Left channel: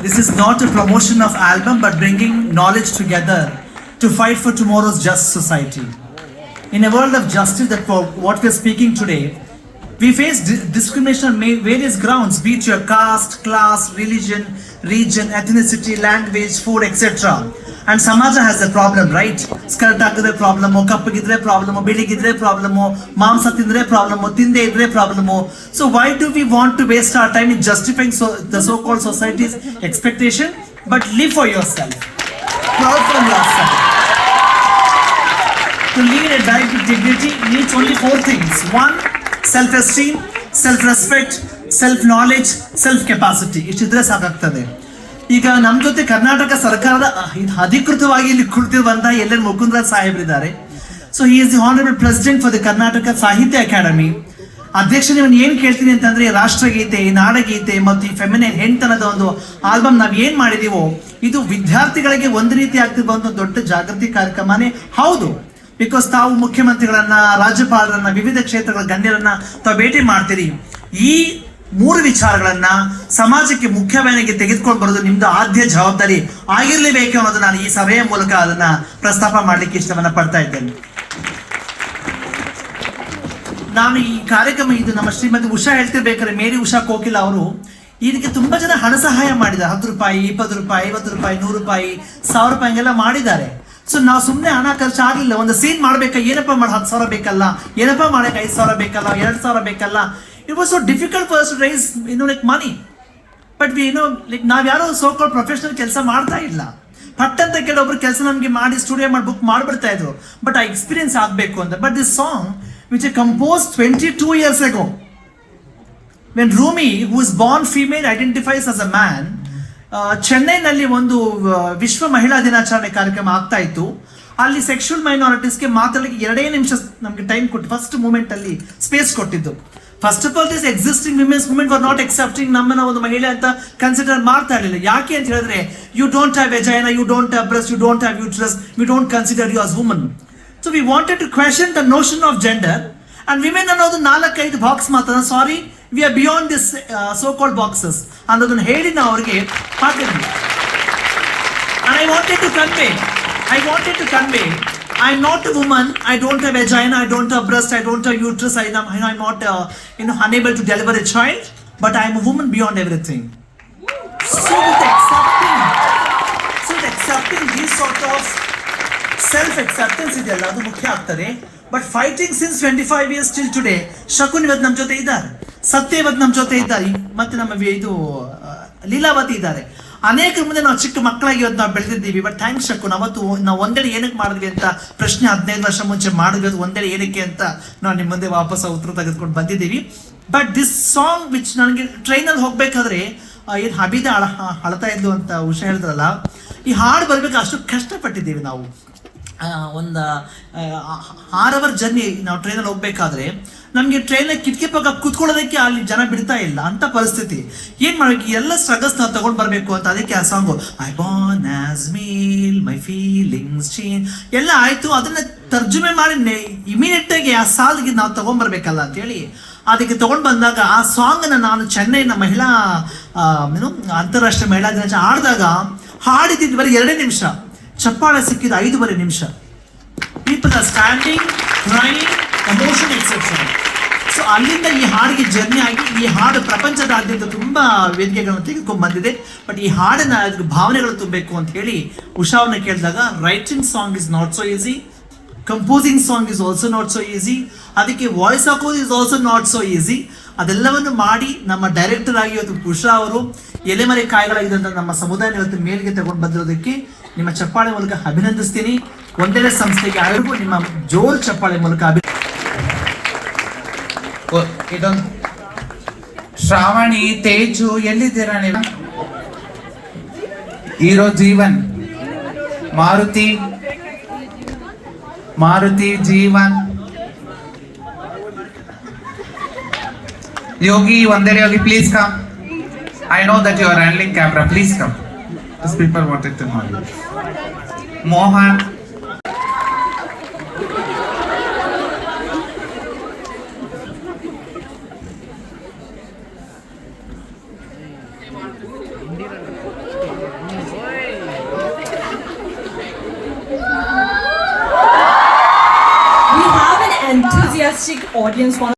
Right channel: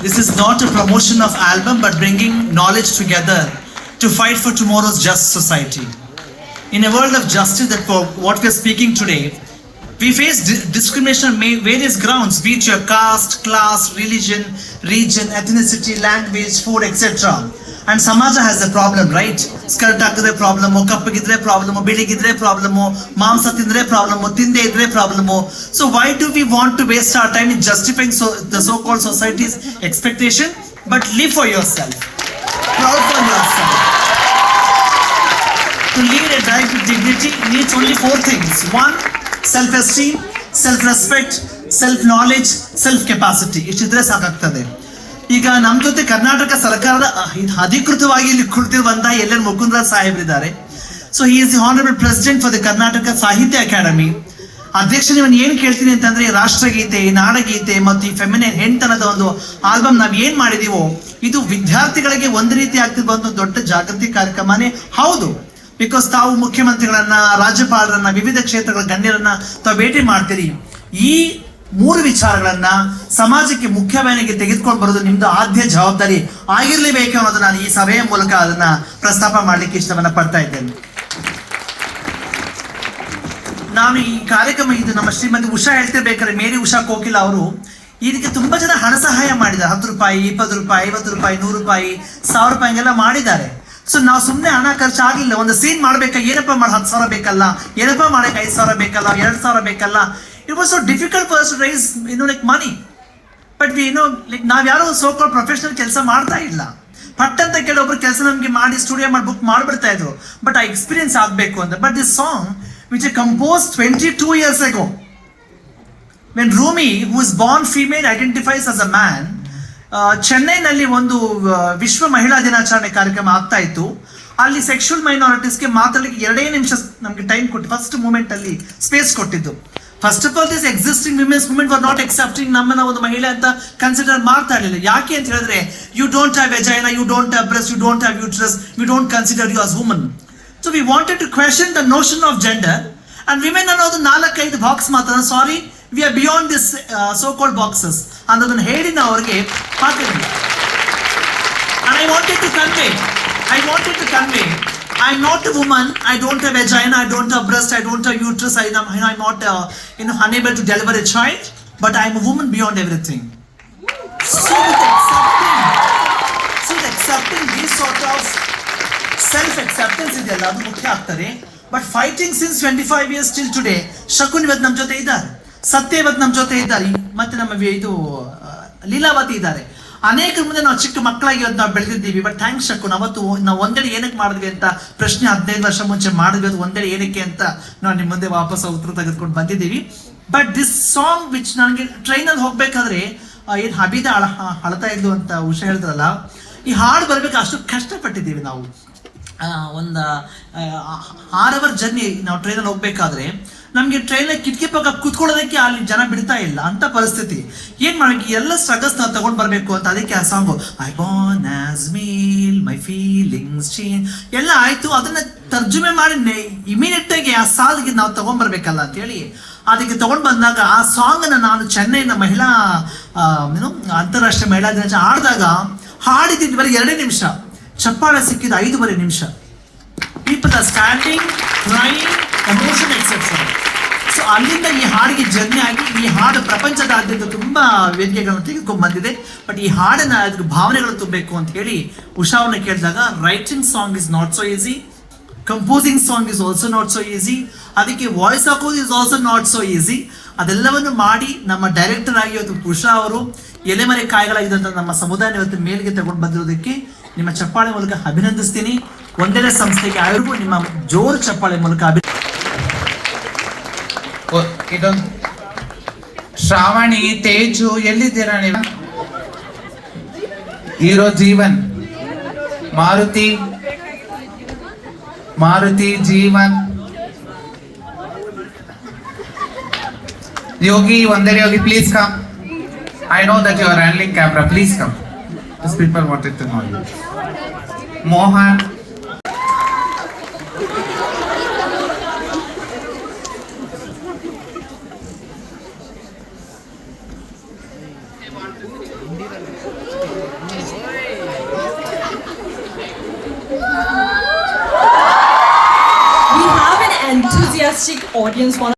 this is not a promotion of album but bringing knowledge together to fight for tomorrow's just society. In a world of justice, that for what we're speaking today, we face di- discrimination on ma- various grounds, be it your caste, class, religion, region, ethnicity, language, food, etc. And Samaja has a problem, right? Skirt ಹಾಕಿದ್ರೆ problem ಕಪ್ಪಗಿದ್ರೆ problem ಬಿಳಿಗಿದ್ರೆ problem ಮಾಂಸ ತಿಂದ್ರೆ problem ತಿಂದೆ ಇದ್ರೆ problem so why do we want to waste our time in justifying the so called society's expectation but live for yourself proud for yourself To lead a life with dignity needs only four things. One, self-esteem, self respect self-knowledge, self capacity ಇಷ್ಟಿದ್ರೆ ಸಾಕಾಗ್ತದೆ. ಈಗ ನಮ್ಮ ಜೊತೆ ಕರ್ನಾಟಕ ಸರ್ಕಾರದ ಅಧಿಕೃತವಾಗಿ ಇಲ್ಲಿ ಕುಳಿತಿರುವಂತ L N Mukundaraj ಸಾಹೇಬ್ರಿದ್ದಾರೆ. So he is the honourable president for the Karnataka Sahitya academy ಅಧ್ಯಕ್ಷ ನೀವು ಏನ್ ಕೇಳ್ತೀನಿ ಅಂತಂದ್ರೆ ರಾಷ್ಟ್ರಗೀತೆ ನಾಡಗೀತೆ ಮತ್ತು ಈ ಫೆಮಿನಿನ್ ಹೆಣ್ತನದ ಒಂದು ಆಲ್ಬಮ್ ನಾವು ಏನ್ ಮಾಡಿದೀವೋ ಇದು ವಿದ್ಯಾರ್ಥಿಗಳಿಗೆ ಒಂದು ರೀತಿ ಆಗ್ತಿರುವ ಒಂದು ದೊಡ್ಡ ಜಾಗೃತಿ ಕಾರ್ಯಕ್ರಮನೇ. ಹೌದು. ಬಿಕಾಸ್ ತಾವು ಮುಖ್ಯಮಂತ್ರಿಗಳನ್ನ, ರಾಜ್ಯಪಾಲರನ್ನ, ವಿವಿಧ ಕ್ಷೇತ್ರಗಳ ಗಣ್ಯರನ್ನ ತಾವು ಭೇಟಿ ಮಾಡ್ತೀರಿ. ಈ ಮೂರು ವಿಚಾರಗಳನ್ನ ಸಮಾಜಕ್ಕೆ ಮುಖ್ಯವಾಹಿನಿಗೆ ತೆಗೆದುಕೊಂಡು ಬರೋದು ನಿಮ್ದು ಆದ್ಯ ಜವಾಬ್ದಾರಿ ಆಗಿರ್ಲೇಬೇಕು ಅನ್ನೋದು ನಾನು ಈ ಸಭೆಯ ಮೂಲಕ ಅದನ್ನ ಪ್ರಸ್ತಾಪ ಮಾಡ್ಲಿಕ್ಕೆ ಇಷ್ಟವನ್ನ ಪಡ್ತಾ ಇದ್ದೇನೆ. ನಾನು ಈ ಕಾರ್ಯಕ್ರಮ ಇದು ನಮ್ಮ ಶ್ರೀಮತಿ ಉಷಾ ಹೇಳ್ತಿರ್ಬೇಕಾದ್ರೆ, ಮೇರಿ ಉಷಾ ಕೋಕಿಲ ಅವರು ಇದಕ್ಕೆ ತುಂಬಾ ಜನ ಹಣ ಸಹಾಯ ಮಾಡಿದ್ದಾರೆ. ಹತ್ತು ರೂಪಾಯಿ, ಇಪ್ಪತ್ತು ರೂಪಾಯಿ, ಐವತ್ತು ರೂಪಾಯಿ, ನೂರು ರೂಪಾಯಿ, ಸಾವಿರ ರೂಪಾಯಿ ಹಂಗೆಲ್ಲ ಮಾಡಿದ್ದಾರೆ. ಸೊ ನಾವು ಸುಮ್ಮನೆ ಹಣ ಖರ್ಚು ಆಗಿಲ್ಲ ಒಂದು ಸೀನ್ ಮಾಡ್ಬೇಕಾ, ಏನಪ್ಪ ಮಾಡಿ ಹತ್ತು ಸಾವಿರ ಬೇಕಲ್ಲ? ಏನಪ್ಪ ಮಾಡಕ್ಕೆ ಐದು ಸಾವಿರ ಬೇಕಲ್ಲ? ಎರಡು ಸಾವಿರ ಬೇಕಲ್ಲ? It was so difficult for to raise ಇನ್ನು ಲೈಕ್ ಮನಿ ಬಟ್ ವಿ ಏನೋ ಲೈಕ್ ನಾವ್ ಯಾರೋ ಸೋಕಾಲ್ ಪ್ರೊಫೆಷನಲ್ ಕೆಲಸ ಮಾಡ್ತಾ ಇಲ್ಲ. ಪಟ್ ಅಂತ ಕೆಲವೊಬ್ರು ಕೆಲಸ ನಮಗೆ ಮಾಡಿ ಸ್ಟುಡಿಯೋ ಮಾಡಿ ಬುಕ್ ಮಾಡ್ಬಿಡ್ತಾ ಇದ್ರು. ಬಟ್ ಆ ಎಕ್ಸ್ಪೀರಿಯನ್ಸ್ ಆಗಬೇಕು ಅಂತ. But this song which a compose twenty two years ago when Rumi who is born female identifies as a man ಚೆನ್ನೈನಲ್ಲಿ ಒಂದು ವಿಶ್ವ ಮಹಿಳಾ ದಿನಾಚರಣೆ ಕಾರ್ಯಕ್ರಮ ಆಗ್ತಾ ಇತ್ತು. ಅಲ್ಲಿ ಸೆಕ್ಷುಯಲ್ ಮೈನಾರಿಟೀಸ್ಗೆ ಮಾತಾಡಲಿಕ್ಕೆ ಎರಡೇ ನಿಮಿಷ ನಮಗೆ ಟೈಮ್ ಕೊಟ್ಟು ಫಸ್ಟ್ ಮೂಮೆಂಟ್ ಅಲ್ಲಿ ಸ್ಪೇಸ್ ಕೊಟ್ಟಿದ್ದು. First of all this existing women's movement for not accepting ನಮ್ಮನ್ನ ಒಂದು ಮಹಿಳೆ ಅಂತ ಕನ್ಸಿಡರ್ ಮಾಡ್ತಾ ಇರಲಿಲ್ಲ. ಯಾಕೆ ಅಂತ ಹೇಳಿದ್ರೆ you don't have vagina you don't have breast you don't have uterus we don't consider you as woman so we wanted to question the notion of gender and women ಅನ್ನೋದು ನಾಲ್ಕೈದು ಬಾಕ್ಸ್ ಮಾತ್ರ. ಸಾರಿ We are beyond this so called boxes ಅನ್ನೋದನ್ನ ಹೇಳಿ ನಾವು ಅವರಿಗೆ ಹಾಕಿದ್ವಿ And I wanted to convey, I wanted to convey, I'm not a woman, I don't have vagina, I don't have breast, I don't have uterus, I am, I'm not, uh, you know, unable to deliver a child, but I'm a woman beyond everything. So with accepting, so with accepting this sort of self acceptance ಇದೆಯಲ್ಲ ಅದು ಮುಖ್ಯ ಆಗ್ತದೆ but fighting since twenty five years till today Shakun ಇವತ್ತು ನಮ್ಮ ಜೊತೆ ಇದ್ದಾರೆ ಸತ್ಯ ಇವತ್ತು ನಮ್ಮ ಜೊತೆ ಇದ್ದಾರೆ ಮತ್ತೆ ನಮ್ಮ ಇದು ಲೀಲಾವತಿ ಇದ್ದಾರೆ. ಅನೇಕ ಮುಂದೆ ನಾವು ಚಿಕ್ಕ ಮಕ್ಕಳಾಗಿ ಇವತ್ತು ನಾವು ಬೆಳೆದಿದ್ದೀವಿ. ಬಟ್ ಥ್ಯಾಂಕ್ಸ್ ಶಕ್ಕು ಅವತ್ತು ನಾವು ಒಂದೆಡೆ ಏನಕ್ಕೆ ಮಾಡಿದ್ವಿ ಅಂತ, ಪ್ರಶ್ನೆ ಹದಿನೈದು ವರ್ಷ ಮುಂಚೆ ಮಾಡಿದ್ವಿ ಅದು ಒಂದೆಡೆ ಏನಕ್ಕೆ ಅಂತ ನಾವು ನಿಮ್ಮ ಮುಂದೆ ವಾಪಸ್ ಉತ್ತರ ತೆಗೆದುಕೊಂಡು ಬಂದಿದ್ದೀವಿ. ಬಟ್ ದಿಸ್ ಸಾಂಗ್ ವಿಚ್ ನನಗೆ ಟ್ರೈನಲ್ಲಿ ಹೋಗ್ಬೇಕಾದ್ರೆ ಏನು ಹಬೀದ ಅಳ ಅಳ್ತಾ ಇದ್ಲು ಅಂತ ಉಷಾ ಹೇಳಿದ್ರಲ್ಲ ಈ ಹಾಡು ಬರಬೇಕು ಅಷ್ಟು ಕಷ್ಟಪಟ್ಟಿದ್ದೀವಿ ನಾವು. ಒಂದು ಆರ್ ಅವರ್ ಜರ್ನಿ ನಾವು ಟ್ರೈನಲ್ಲಿ ಹೋಗ್ಬೇಕಾದ್ರೆ ನಮಗೆ ಟ್ರೈನ್ ಕಿಟಕಿ ಪಕ್ಕ ಕುತ್ಕೊಳ್ಳೋದಕ್ಕೆ ಅಲ್ಲಿ ಜನ ಬಿಡ್ತಾ ಇಲ್ಲ ಅಂತ ಪರಿಸ್ಥಿತಿ. ಏನ್ ಮಾಡ್ಬೇಕು? ಎಲ್ಲ ಸ್ಟ್ರಗಲ್ಸ್ ನಾವು ತಗೊಂಡ್ ಬರ್ಬೇಕು ಅಂತ ಅದಕ್ಕೆ ಆ song I born as male my feelings ಎಲ್ಲ ಆಯ್ತು, ಅದನ್ನ ತರ್ಜುಮೆ ಮಾಡಿ ಇಮಿಡಿಯೇಟ್ ಆಗಿ ಆ ಸಾಲಿಗೆ ನಾವು ಅಂತ ಹೇಳಿ ಅದಕ್ಕೆ ತಗೊಂಡ್ ಬಂದಾಗ ಆ ಸಾಂಗ್ನ ನಾನು ಚೆನ್ನೈನ ಮಹಿಳಾ ಏನು, ಅಂತಾರಾಷ್ಟ್ರೀಯ ಮಹಿಳಾ ದಿನಾಚರಣೆ ಆಡಿದಾಗ ಹಾಡಿದ್ದು ಬರೀ ಎರಡೇ ನಿಮಿಷ. ಚಪ್ಪಾಳೆ ಸಿಕ್ಕಿದ ಐದೂವರೆ ನಿಮಿಷ. People are standing crying emotion exception so ಅಲ್ಲಿಂದ ಈ ಹಾಡಿಗೆ ಜರ್ನಿ ಆಗಿ ಈ ಹಾಡು ಪ್ರಪಂಚದಾದ್ಯಂತ ತುಂಬಾ ವೇದಿಕೆಗಳನ್ನು ತೆಗೆದುಕೊಂಡು ಬಂದಿದೆ. ಬಟ್ ಈ ಹಾಡನ್ನ ಅದಕ್ಕೆ ಭಾವನೆಗಳು ತುಂಬಬೇಕು ಅಂತ ಹೇಳಿ ಉಷಾವನ್ನ ಕೇಳಿದಾಗ writing song is not so easy composing song is also not so easy ಅದಕ್ಕೆ ವಾಯ್ಸ್ ಹಾಕೋದು is also not so easy ಅದೆಲ್ಲವನ್ನು ಮಾಡಿ ನಮ್ಮ ಡೈರೆಕ್ಟರ್ ಆಗಿ ಇವತ್ತು ಉಷಾ ಅವರು ಎಲೆಮರೆ ಕಾಯಿಗಳಾಗಿದ್ದಂಥ ನಮ್ಮ ಸಮುದಾಯ ಇವತ್ತು ಮೇಲ್ಗೆ ತಗೊಂಡು ಬಂದಿರೋದಕ್ಕೆ ನಿಮ್ಮ ಚಪ್ಪಾಳೆ ಮೂಲಕ ಅಭಿನಂದಿಸ್ತೀನಿ. ಒಂದೆಡೆ ಸಂಸ್ಥೆಗೆ ಆಯೋಗು ನಿಮ್ಮ ಜೋರು ಚಪ್ಪಾಳೆ ಮೂಲಕ ಅಭಿ ಇದೊಂದು ಶ್ರಾವಣಿ ತೇಜು ಎಲ್ಲಿದ್ದೀರಾ ನೀವು ಹೀರೋ ಜೀವನ್ ಮಾರುತಿ ಮಾರುತಿ ಜೀವನ್ ಯೋಗಿ ಒಂದೆಡೆ Yogi please come I know that you are handling camera please come this people wanted to know you Mohan enthusiastic audience.